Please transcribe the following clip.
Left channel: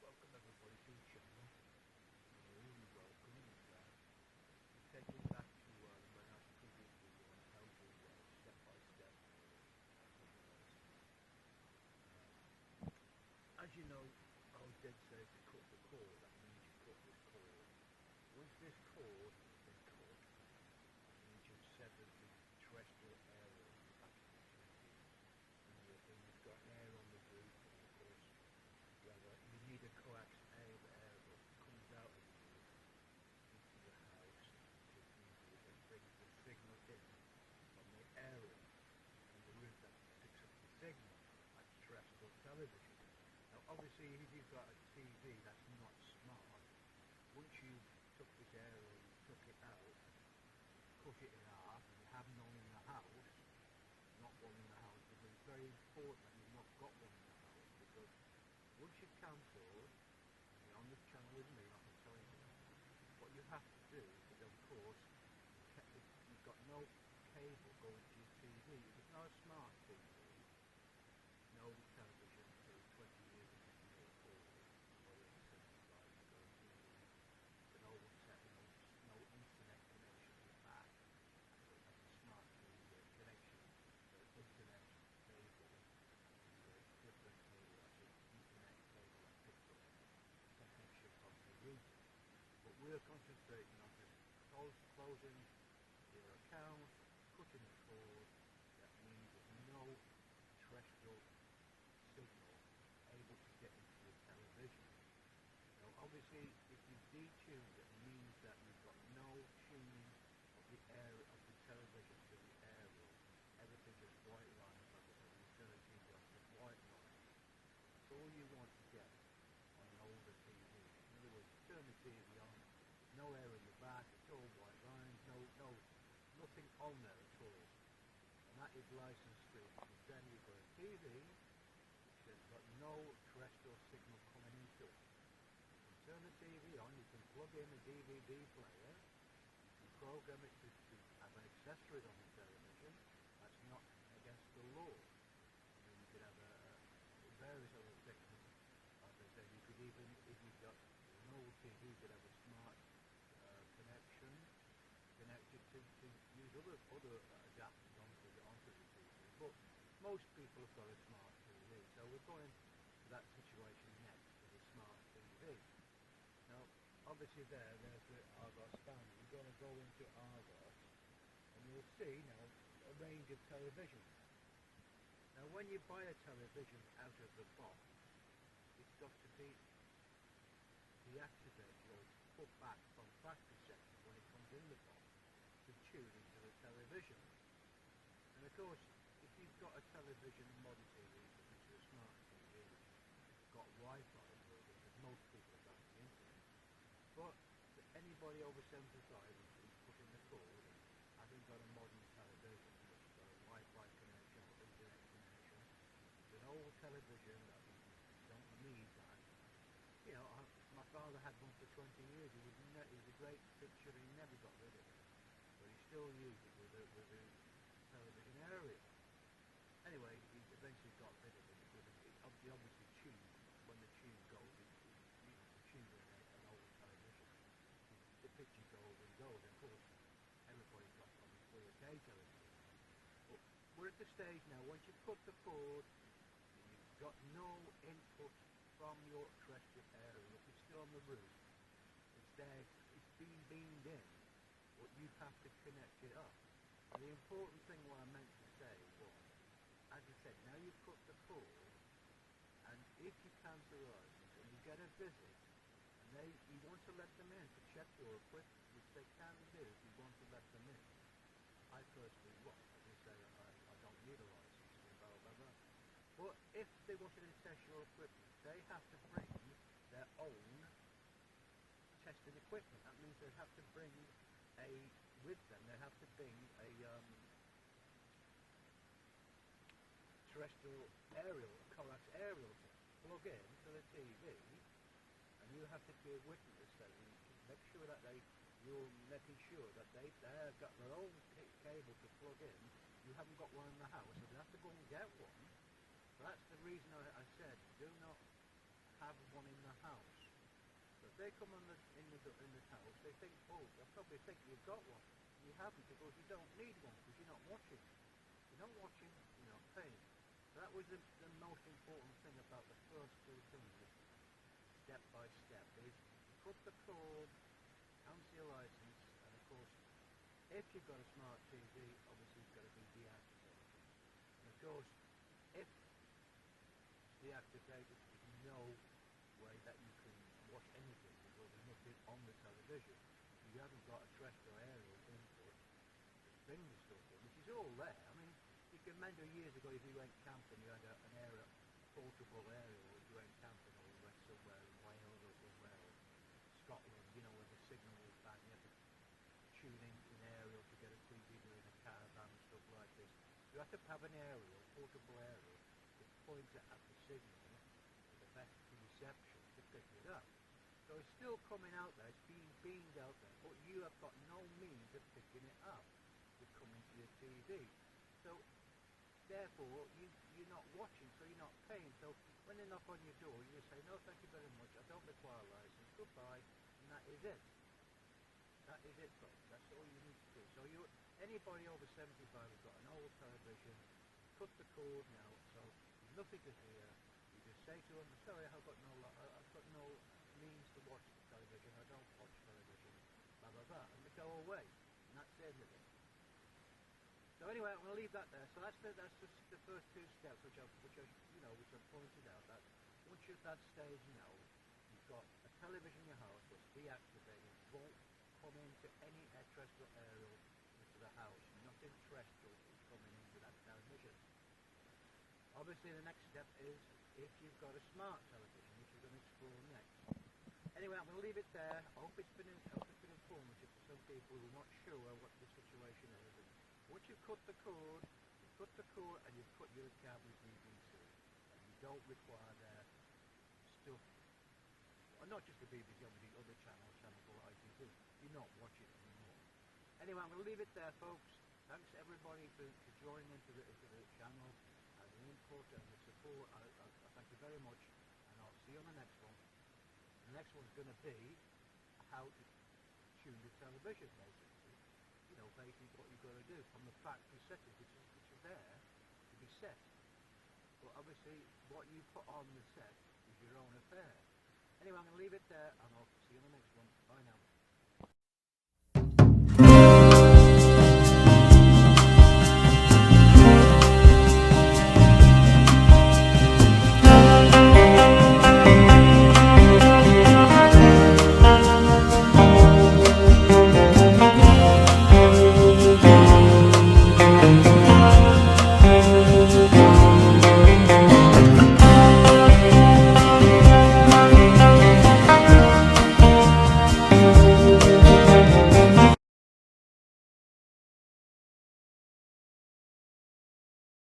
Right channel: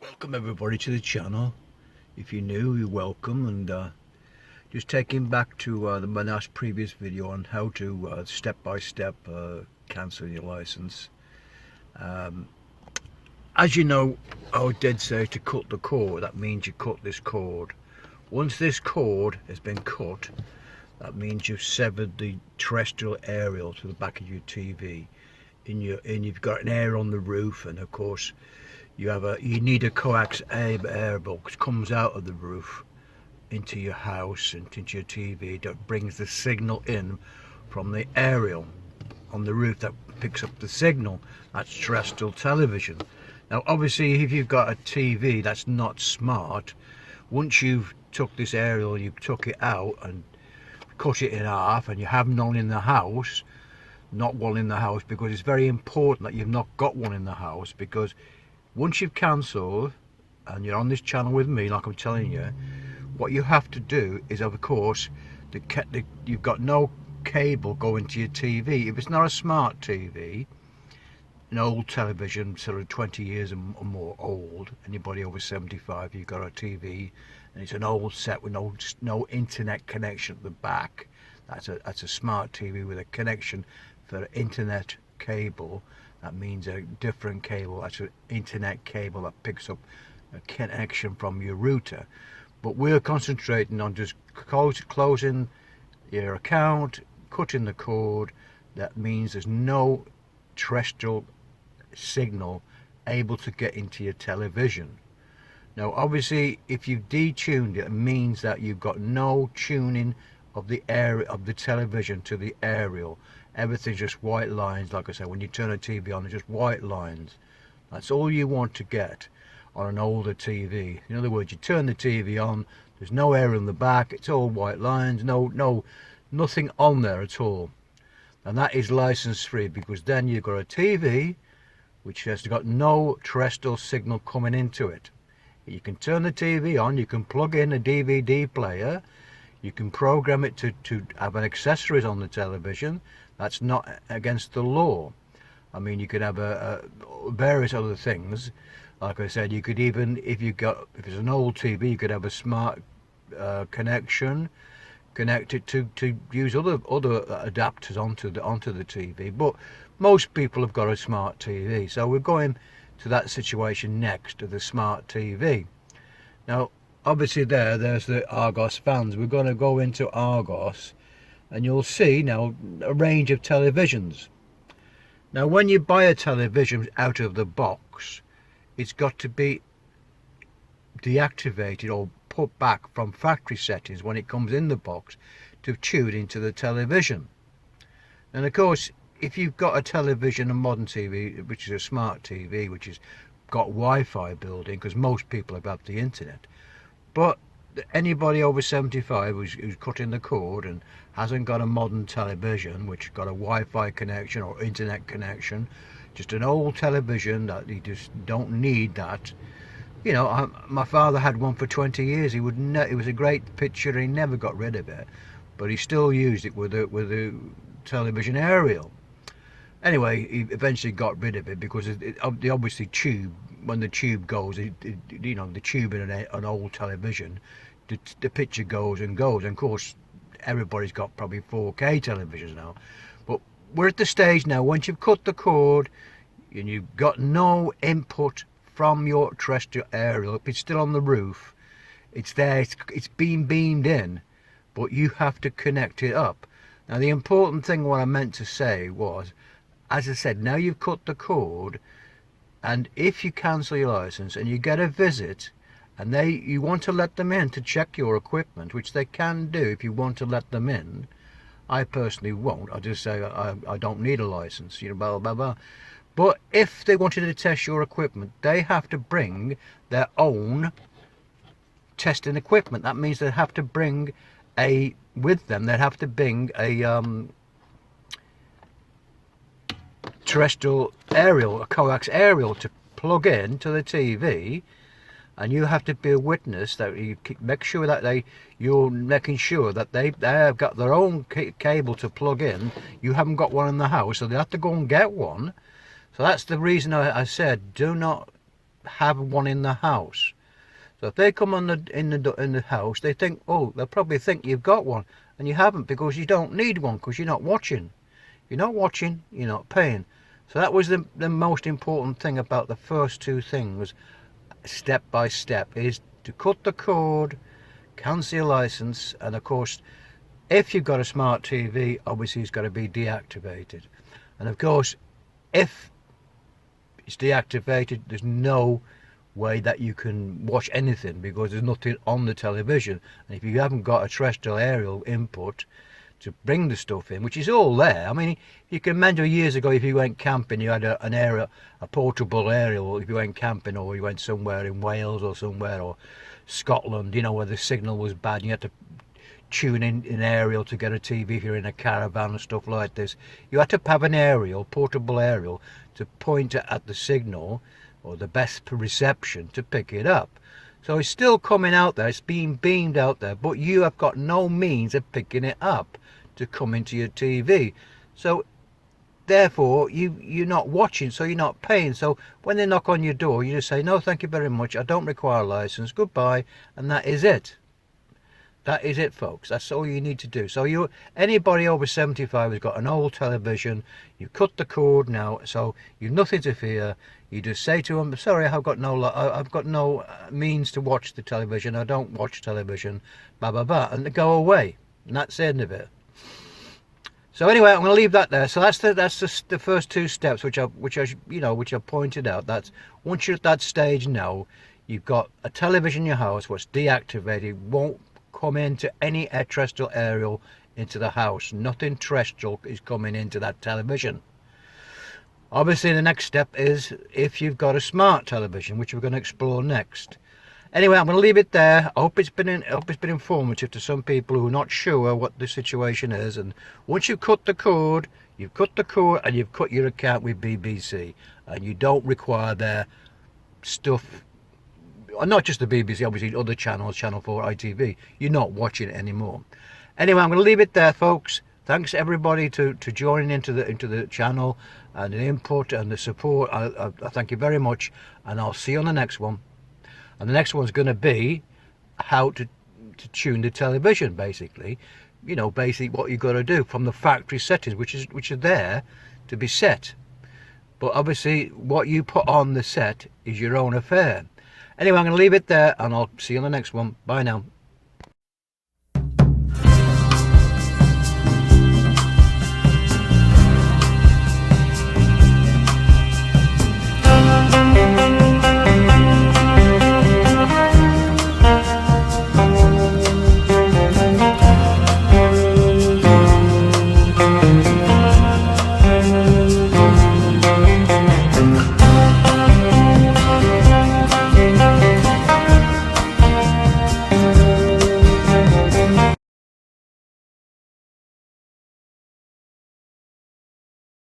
Welcome everybody to the channel. If you're new, you're welcome, and just taking back to my last previous video on how to step by step cancel your license. As you know, I did say to cut the cord. That means you cut this cord. Once this cord has been cut, that means you've severed the terrestrial aerial to the back of your TV. And you've got an air on the roof, and of course you need a coax air box comes out of the roof into your house and into your TV that brings the signal in from the aerial on the roof that picks up the signal. That's terrestrial television. Now obviously if you've got a TV that's not smart, once you've took this aerial, you took it out and cut it in half, and you have none in the house, not one in the house, because it's very important that you've not got one in the house, because once you've cancelled and you're on this channel with me, like I'm telling you, what you have to do is, of course, you've got no cable going to your TV. If it's not a smart TV, an old television, sort of 20 years or more old, anybody over 75, you've got a TV and it's an old set with no internet connection at the back, that's a smart TV with a connection for internet cable. That means a different cable. That's an internet cable that picks up a connection from your router. But we're concentrating on just closing your account, cutting the cord. That means there's no terrestrial signal able to get into your television. Now obviously if you've detuned it, it means that you've got no tuning of the area of the television to the aerial. Everything's just white lines. Like I said, when you turn a TV on, it's just white lines. That's all you want to get on an older TV. In other words, you turn the TV on, there's no air in the back, it's all white lines, nothing on there at all. And that is license free, because then you've got a TV which has got no terrestrial signal coming into it. You can turn the TV on, you can plug in a DVD player, you can program it to have an accessories on the television. That's not against the law. I mean, you could have various other things. Like I said, you could even, if it's an old TV, you could have a smart connection, connect it to use other adapters onto the TV. But most people have got a smart TV, so we're going to that situation next, to the smart TV. Now, obviously there's the Argos fans. We're going to go into Argos, and you'll see now a range of televisions. Now when you buy a television out of the box, it's got to be deactivated or put back from factory settings when it comes in the box to tune into the television. And of course, if you've got a television, a modern TV, which is a smart TV, which has got Wi-Fi built in, because most people have got the internet, but anybody over 75 who's cutting the cord and hasn't got a modern television which got a Wi-Fi connection or internet connection, just an old television that you just don't need that. You know, my father had one for 20 years. It was a great picture, and he never got rid of it, but he still used it with a television aerial. Anyway, he eventually got rid of it because the obviously tube, when the tube goes, you know, the tube in an old television, the picture goes and goes. And of course, everybody's got probably 4K televisions now. But we're at the stage now, once you've cut the cord and you've got no input from your terrestrial aerial, if it's still on the roof, it's there, it's being beamed in, but you have to connect it up. Now the important thing, what I meant to say was, as I said, now you've cut the cord, and if you cancel your license and you get a visit, and you want to let them in to check your equipment, which they can do if you want to let them in. I personally won't. I just say I don't need a license, you know, blah blah blah. But if they wanted to test your equipment, they have to bring their own testing equipment. That means they have to bring with them, they'd have to bring a terrestrial aerial, a coax aerial to plug in to the TV, and you have to be a witness that you make sure that you're making sure that they have got their own cable to plug in. You haven't got one in the house, so they have to go and get one. So that's the reason I said do not have one in the house. So if they come in the house, they think, oh, they'll probably think you've got one, and you haven't, because you don't need one, because you're not watching. You're not watching, you're not paying. So that was the most important thing about the first two things, step by step, is to cut the cord, cancel your license, and of course, if you've got a smart TV, obviously it's got to be deactivated. And of course, if it's deactivated, there's no way that you can watch anything, because there's nothing on the television. And if you haven't got a terrestrial aerial input to bring the stuff in, which is all there. I mean, you can remember years ago, if you went camping, you had a portable aerial. If you went camping, or you went somewhere in Wales or somewhere, or Scotland, you know, where the signal was bad, and you had to tune in aerial to get a TV if you're in a caravan and stuff like this. You had to have an aerial, portable aerial, to point at the signal or the best reception to pick it up. So it's still coming out there, it's being beamed out there, but you have got no means of picking it up to come into your TV. So therefore you're not watching, so you're not paying. So when they knock on your door, you just say, no, thank you very much, I don't require a license, goodbye, and that is it. That is it, folks. That's all you need to do. So anybody over 75 has got an old television, you cut the cord now, so you've nothing to fear. You just say to them, sorry, I've got no means to watch the television, I don't watch television, blah blah blah, and they go away, and that's the end of it. So anyway, I'm going to leave that there. So that's the first two steps, which I pointed out. That's once you're at that stage now, you've got a television in your house what's deactivated, won't come into any terrestrial aerial into the house. Nothing terrestrial is coming into that television. Obviously, the next step is if you've got a smart television, which we're going to explore next. Anyway, I'm going to leave it there. I hope it's been informative to some people who are not sure what the situation is. And once you've cut the cord, and you've cut your account with BBC, and you don't require their stuff. Not just the BBC, obviously other channels, Channel 4, ITV. You're not watching it anymore. Anyway, I'm going to leave it there, folks. Thanks everybody to joining into the channel, and the input and the support. I thank you very much, and I'll see you on the next one. And the next one's going to be how to tune the television, basically. You know, basically what you've got to do from the factory settings, which are there to be set. But obviously, what you put on the set is your own affair. Anyway, I'm going to leave it there, and I'll see you on the next one. Bye now.